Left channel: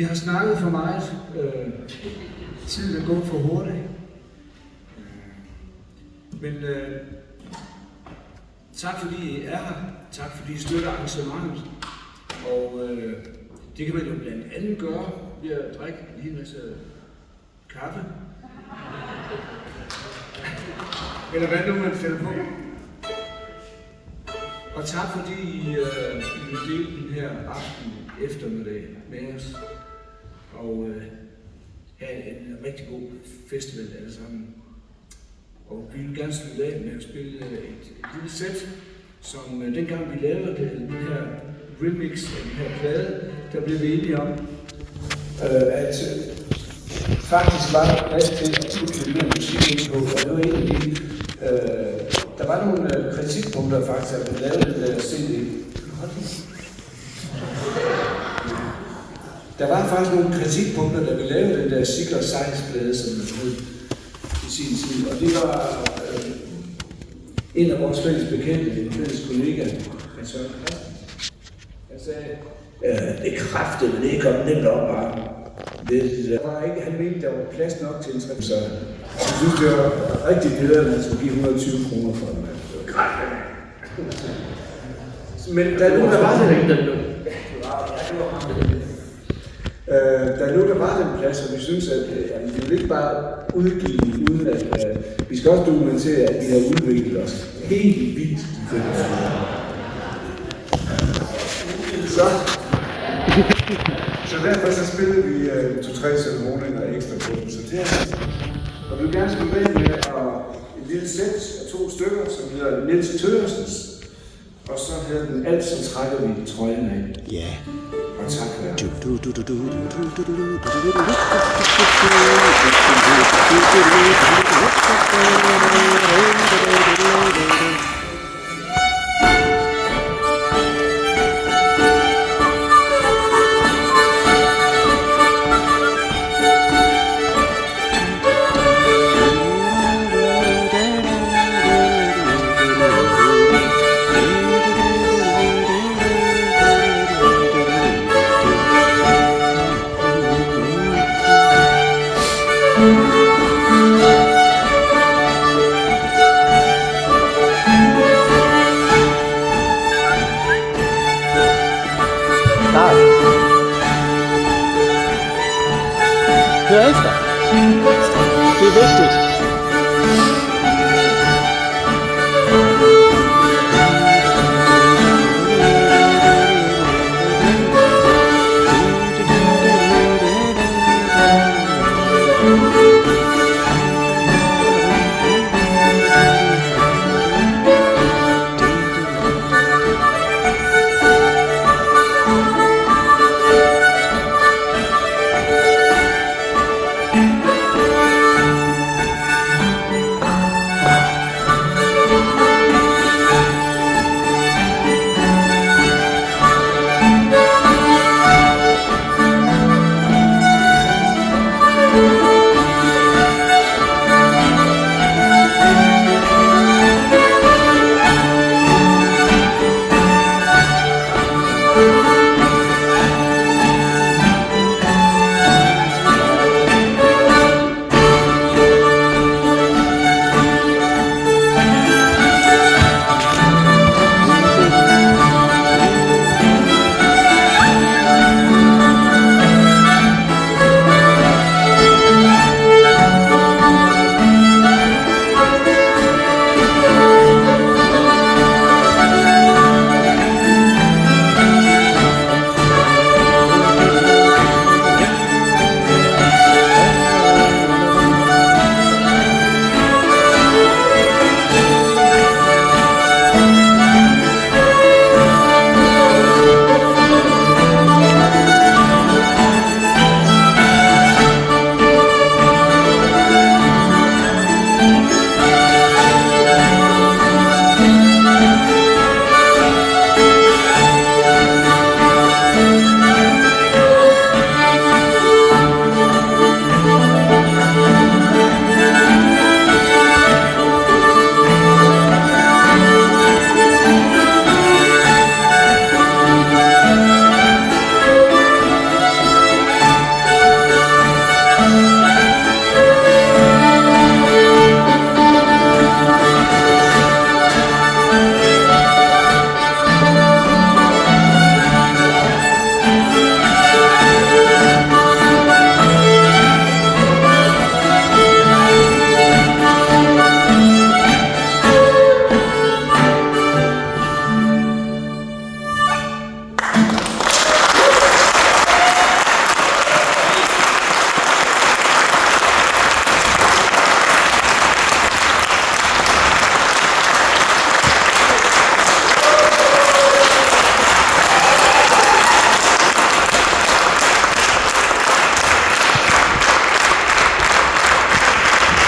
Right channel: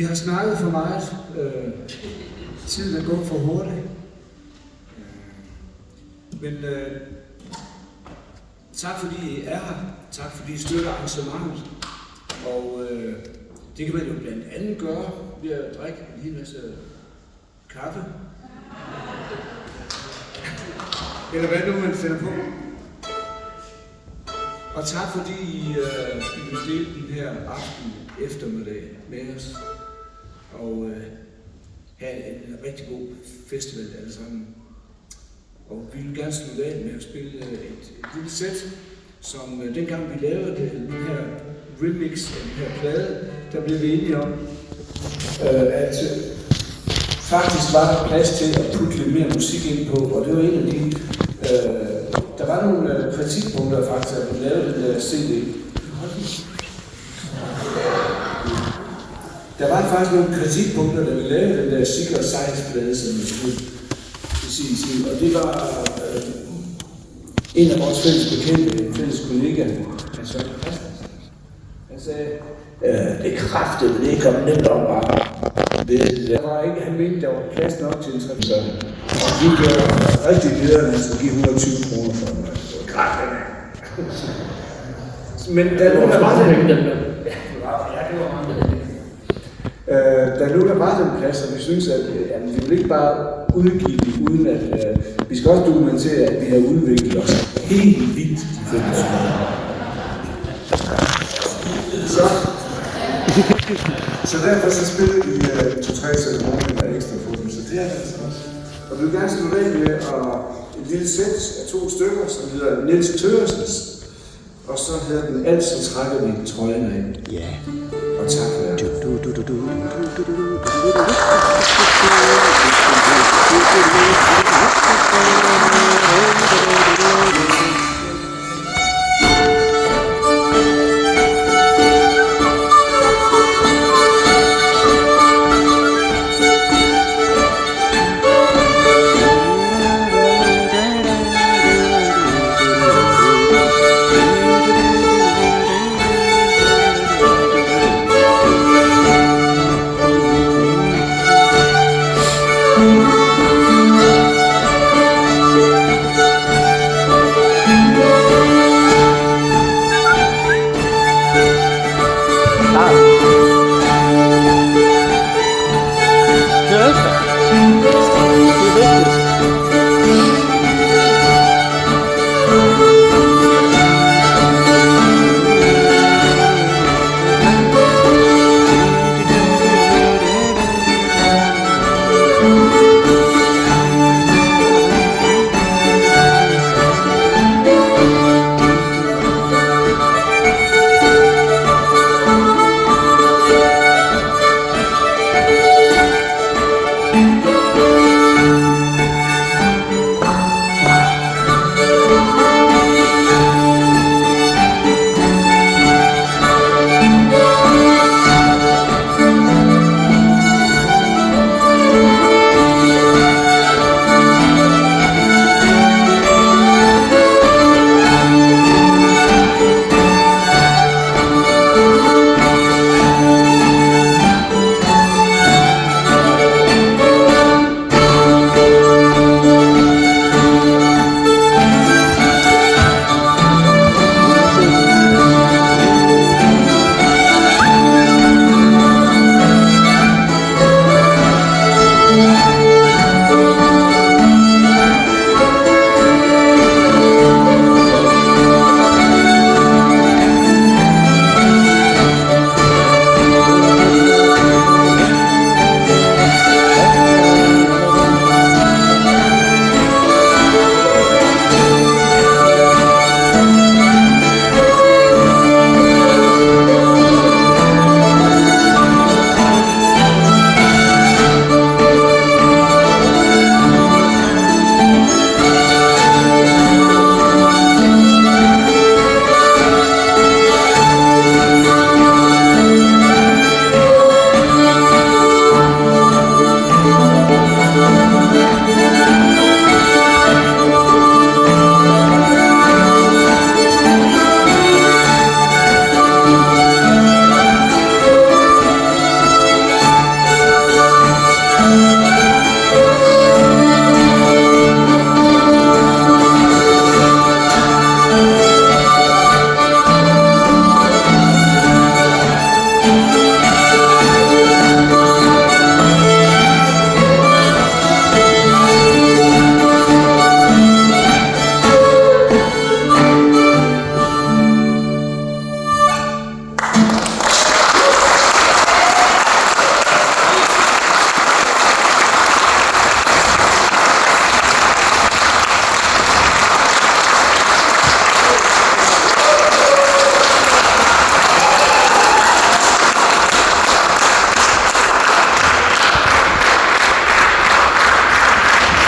Vi har snakket for meget. Tiden er gået for hurtigt. Men tak fordi I er her. Tak fordi I støtter arrangementet. Og det kan man jo blandt andet gøre ved at drikke lige en masse kaffe. Eller hvad nu man finder på. Og tak fordi I vil dele den her aften eftermiddag med os. Og have en rigtig god festival alle sammen. Og vi vil gerne slutte af med at spille et lille sæt, som dengang vi lavede den her remix af den her plade, der blev vi enige om, at faktisk var der plads til at putte lidt mere musik ind på, og det var en af de, der var nogle kritikpunkter faktisk, at vi lavede den der CD. Der var faktisk nogle kritikpunkter, da vi lavede den der Secret Science-plade, som vi skulle i sin tid, og det var en af vores fælles bekendte, en fælles kollega, han sagde, det er kraftigt, men det er kommet nemt op bare. Der var ikke, han mente, der var plads nok til en trip, så vi gjorde rigtig glæder, at han skulle give 120 kroner for den. Men der lå der var der var den plads, og vi synes, at vi vil ikke bare udgive den, uden at vi skal også dokumentere, at vi har udviklet os helt vildt. Så derfor så spillede vi 2-3 sæt morgen ekstra på den, så det er altså også. Og vi vil gerne slutte af med et lille sæt af 2 stykker, som hedder Niels Thøgersens, og så hedder den Altid trækker vi trøjen af. Ja. Og tak for jer. Hør efter. Det er vigtigt.